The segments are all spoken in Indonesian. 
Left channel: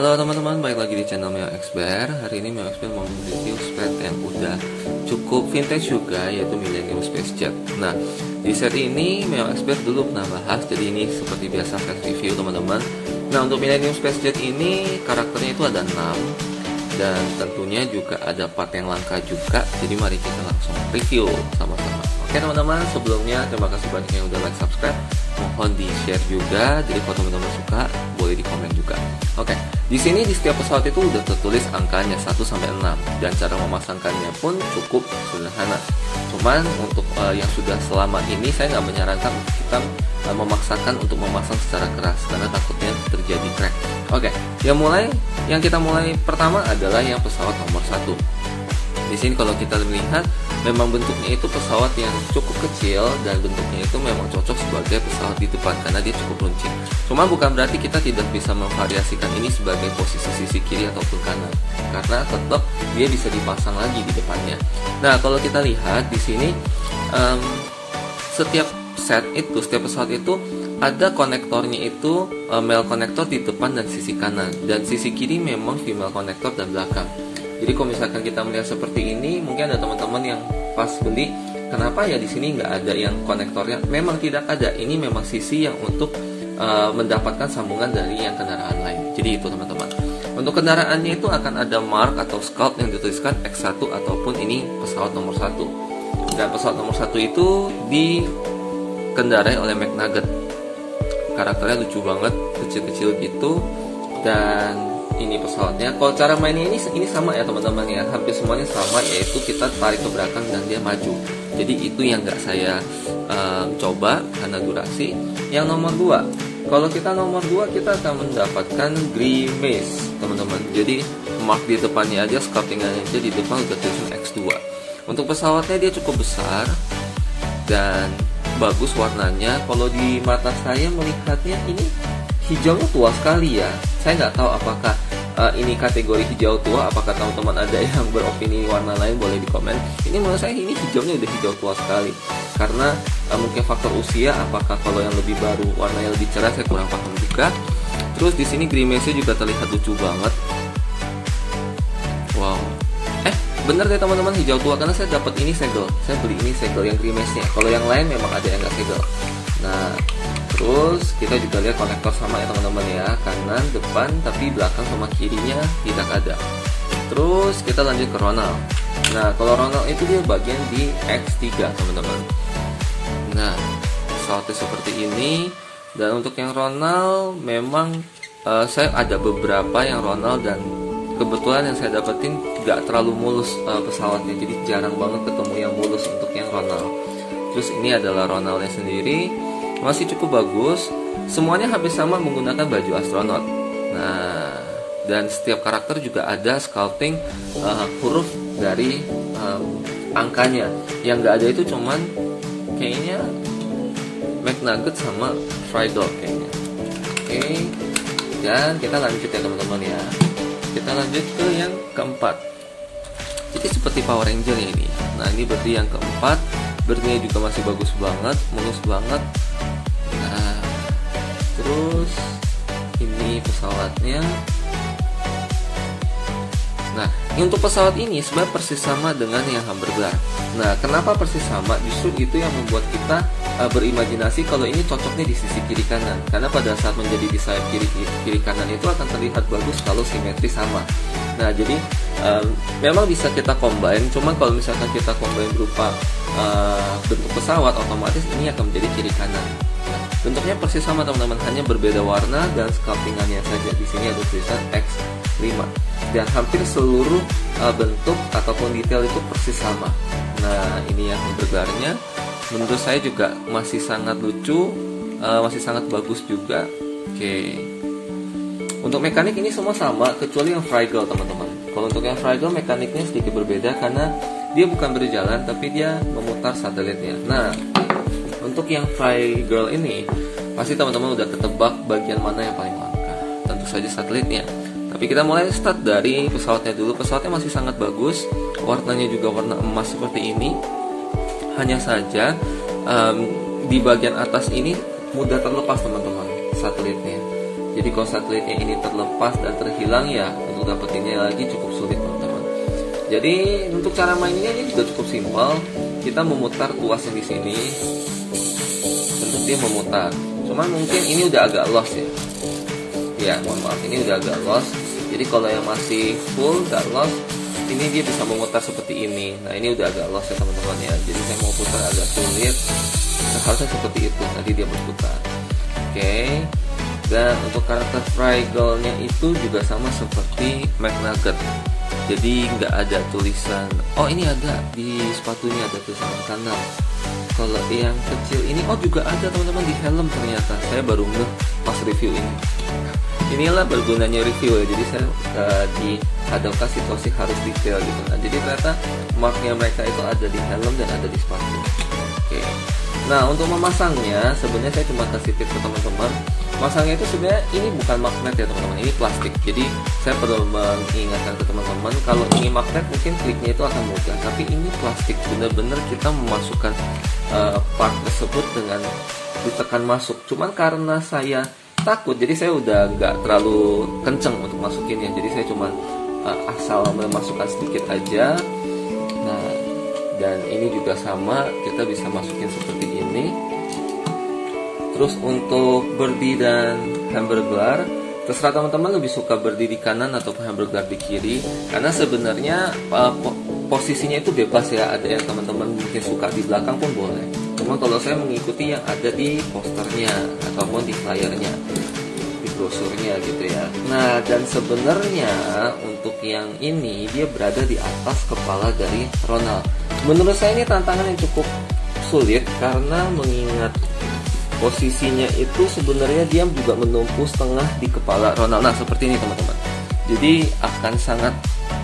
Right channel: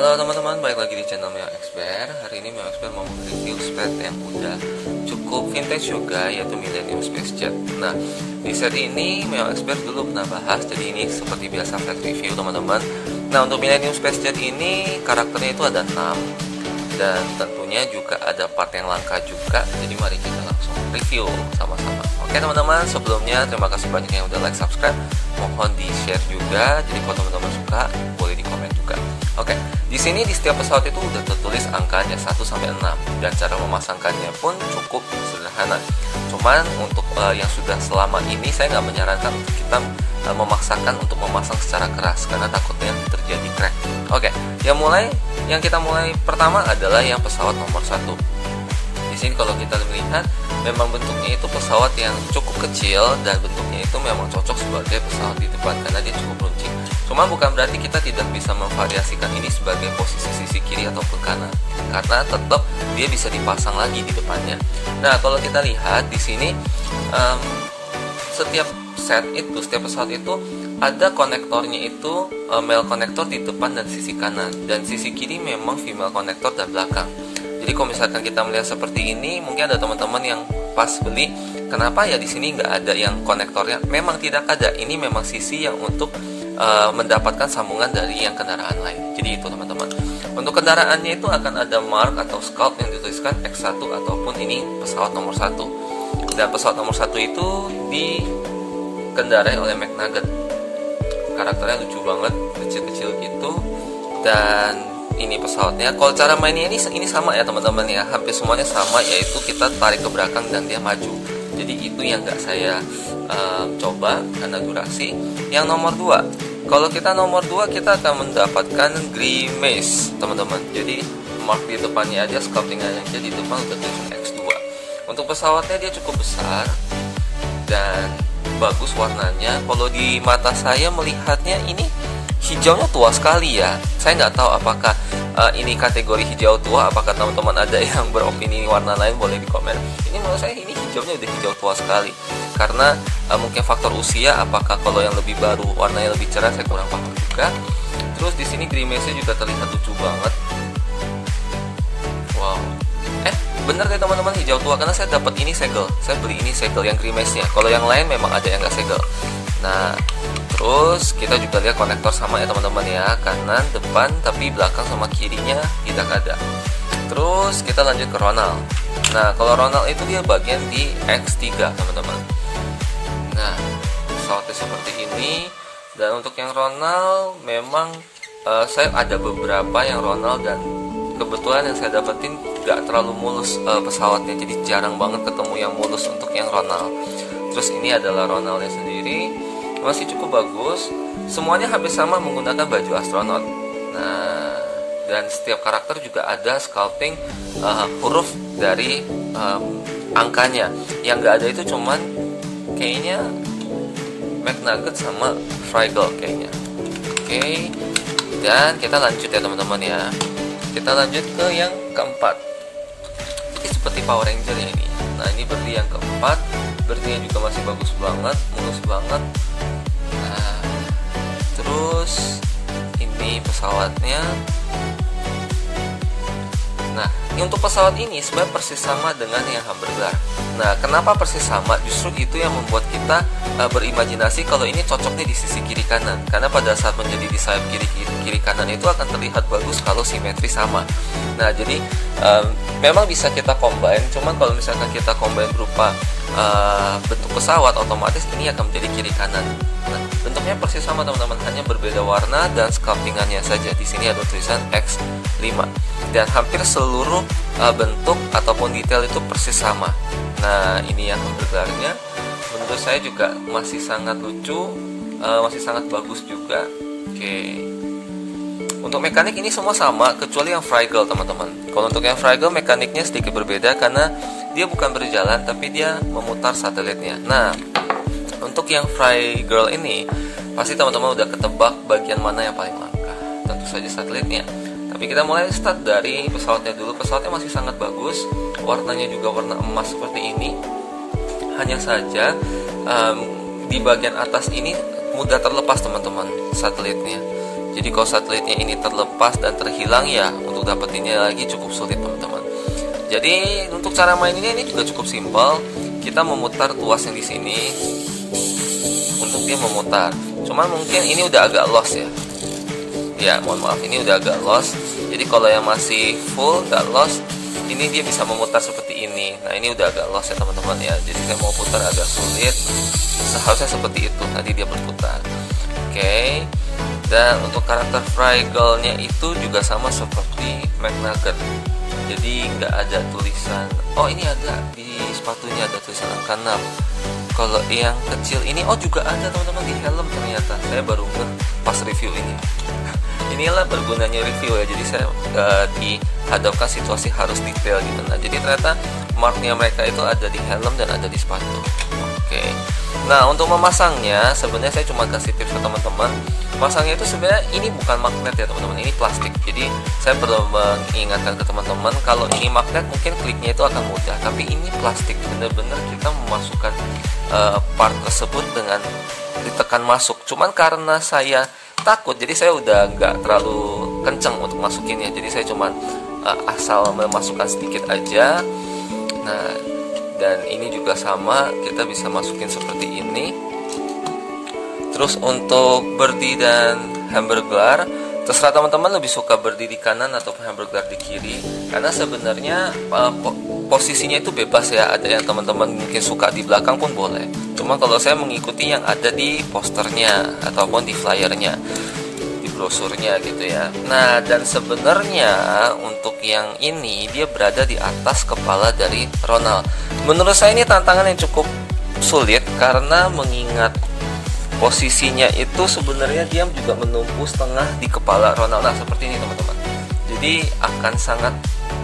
Halo teman-teman, balik lagi di channel Meo Expert. Hari ini Meo Expert mau review set yang udah cukup vintage juga, yaitu Millennium Space Jet. Nah, di set ini Meo Expert dulu pernah bahas, jadi ini seperti biasa set review teman-teman. Nah, untuk Millennium Space Jet ini karakternya itu ada 6, dan tentunya juga ada part yang langka juga. Jadi mari kita langsung review sama-sama. Oke teman-teman, sebelumnya terima kasih banyak yang udah like, subscribe, mohon di share juga. Jadi kalau teman-teman suka boleh di komen juga. Oke, di sini di setiap pesawat itu udah tertulis angkanya 1 sampai 6 dan cara memasangkannya pun cukup sederhana. Cuman untuk yang sudah selama ini saya nggak menyarankan untuk kita memaksakan untuk memasang secara keras karena takutnya terjadi crack. Oke, yang kita mulai pertama adalah yang pesawat nomor 1. Di sini kalau kita melihat memang bentuknya itu pesawat yang cukup kecil dan bentuknya itu memang cocok sebagai pesawat di depan karena dia cukup runcing. Cuma bukan berarti kita tidak bisa memvariasikan ini sebagai posisi sisi kiri ataupun kanan karena tetap dia bisa dipasang lagi di depannya. Nah, kalau kita lihat di sini setiap pesawat itu ada konektornya itu male konektor di depan dan sisi kanan, dan sisi kiri memang female konektor dan belakang. Jadi kalau misalkan kita melihat seperti ini, mungkin ada teman-teman yang pas beli, kenapa ya di sini nggak ada yang konektornya? Memang tidak ada. Ini memang sisi yang untuk mendapatkan sambungan dari yang kendaraan lain. Jadi itu teman-teman. Untuk kendaraannya itu akan ada mark atau scout yang dituliskan X1 ataupun ini pesawat nomor 1. Dan pesawat nomor 1 itu dikendarai oleh McNugget. Karakternya lucu banget, kecil-kecil gitu. Dan ini pesawatnya, kalau cara mainnya ini sama ya teman-teman ya, hampir semuanya sama, yaitu kita tarik ke belakang dan dia maju. Jadi itu yang nggak saya coba karena durasi. Yang nomor 2, kalau kita nomor 2 kita akan mendapatkan grimace teman-teman. Jadi mark di depannya aja, scoutingannya aja di depan udah tulisan X2. Untuk pesawatnya dia cukup besar dan bagus warnanya. Kalau di mata saya melihatnya ini hijaunya tua sekali ya. Saya nggak tahu apakah ini kategori hijau tua, apakah teman-teman ada yang beropini warna lain, boleh di komen. Ini menurut saya ini hijaunya udah hijau tua sekali. Karena mungkin faktor usia, apakah kalau yang lebih baru warnanya lebih cerah, saya kurang paham juga. Terus di sini grimace-nya juga terlihat lucu banget. Wow. Bener deh teman-teman, hijau tua karena saya dapat ini segel. Saya beli ini segel yang grimace-nya. Kalau yang lain memang ada yang nggak segel. Nah, terus kita juga lihat konektor sama ya teman-teman ya, kanan, depan, tapi belakang sama kirinya tidak ada. Terus kita lanjut ke Ronald. Nah, kalau Ronald itu dia bagian di X3 teman-teman. Nah, pesawatnya seperti ini. Dan untuk yang Ronald memang saya ada beberapa yang Ronald dan kebetulan yang saya dapetin gak terlalu mulus pesawatnya, jadi jarang banget ketemu yang mulus untuk yang Ronald. Terus ini adalah Ronaldnya sendiri, masih cukup bagus. Semuanya hampir sama menggunakan baju astronot. Nah, dan setiap karakter juga ada sculpting huruf dari angkanya. Yang gak ada itu cuman kayaknya McNugget sama Frigel kayaknya. Oke, dan kita lanjut ya teman-teman ya. Kita lanjut ke yang keempat. Jadi seperti Power Ranger ya ini. Nah, ini berarti yang keempat. Berarti juga masih bagus banget, mulus banget. Nah, terus ini pesawatnya. Nah, untuk pesawat ini sebenarnya persis sama dengan yang Hamburger. Nah, kenapa persis sama? Justru itu yang membuat kita berimajinasi kalau ini cocoknya di sisi kiri kanan. Karena pada saat menjadi di sayap kiri kanan itu akan terlihat bagus kalau simetri sama. Nah, jadi memang bisa kita combine. Cuma kalau misalkan kita combine berupa bentuk pesawat, otomatis ini akan menjadi kiri kanan. Nah, bentuknya persis sama teman-teman, hanya berbeda warna dan sculptingannya saja. Di sini ada tulisan X5 dan hampir seluruh bentuk ataupun detail itu persis sama. Nah, ini yang Hamburgernya menurut saya juga masih sangat lucu, masih sangat bagus juga. Oke. Untuk mekanik ini semua sama kecuali yang Frigel teman-teman. Kalau untuk yang Frigel mekaniknya sedikit berbeda karena dia bukan berjalan tapi dia memutar satelitnya. Nah, untuk yang Frigel ini pasti teman-teman udah ketebak bagian mana yang paling langka. Tentu saja satelitnya. Tapi kita mulai start dari pesawatnya dulu. Pesawatnya masih sangat bagus, warnanya juga warna emas seperti ini. Hanya saja di bagian atas ini mudah terlepas teman-teman satelitnya. Jadi kalau satelitnya ini terlepas dan terhilang ya untuk dapetinnya lagi cukup sulit teman-teman. Jadi untuk cara mainnya ini juga cukup simpel. Kita memutar tuas yang di sini untuk dia memutar. Cuman mungkin ini udah agak lost ya. Ya mohon maaf, ini udah agak lost. Jadi kalau yang masih full gak lost, ini dia bisa memutar seperti ini. Nah ini udah agak lost ya teman-teman ya. Jadi saya mau putar agak sulit. Seharusnya seperti itu, nanti dia berputar. Oke. Dan untuk karakter Fraggle-nya itu juga sama seperti McNugget. Jadi nggak ada tulisan. Oh ini ada di sepatunya ada tulisan kanan. Kalau yang kecil ini, oh juga ada teman-teman di helm ternyata. Saya baru ngeh pas review ini. Inilah bergunanya review ya. Jadi saya dihadapkan situasi harus detail gitu. Nah jadi ternyata marknya mereka itu ada di helm dan ada di sepatu. Oke. Nah untuk memasangnya sebenarnya saya cuma kasih tips ke teman-teman. Masangnya itu sebenarnya ini bukan magnet ya teman-teman, ini plastik. Jadi saya perlu mengingatkan ke teman-teman kalau ini magnet mungkin kliknya itu akan mudah, tapi ini plastik. Benar-benar kita memasukkan part tersebut dengan ditekan masuk. Cuman karena saya takut, jadi saya udah nggak terlalu kenceng untuk masukinnya. Jadi saya cuma asal memasukkan sedikit aja. Nah dan ini juga sama, kita bisa masukin seperti ini. Terus untuk birdie dan hamburger, terserah teman-teman lebih suka birdie di kanan atau hamburger di kiri. Karena sebenarnya posisinya itu bebas ya. Ada yang teman-teman mungkin suka di belakang pun boleh. Cuma kalau saya mengikuti yang ada di posternya ataupun di flyernya, di brosurnya gitu ya. Nah dan sebenarnya untuk yang ini dia berada di atas kepala dari Ronald. Menurut saya ini tantangan yang cukup sulit karena mengingat posisinya itu sebenarnya dia juga menumpu setengah di kepala Ronald. Nah seperti ini teman-teman. Jadi akan sangat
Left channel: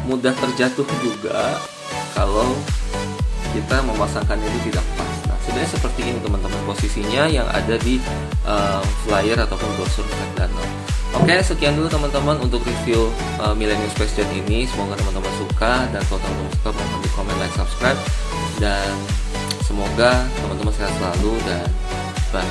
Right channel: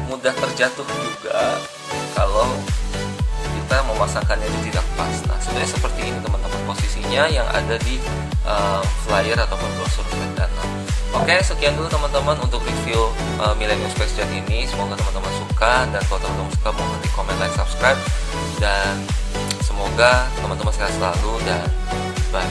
mudah terjatuh juga kalau kita memasangkannya itu tidak pas. Nah sebenarnya seperti ini teman-teman posisinya yang ada di flyer ataupun brosur McDonald. Oke, sekian dulu teman-teman untuk review Millennium Space Jet ini. Semoga teman-teman suka, dan kalau teman-teman suka mohon di komen, like, subscribe, dan semoga teman-teman sehat selalu dan bye.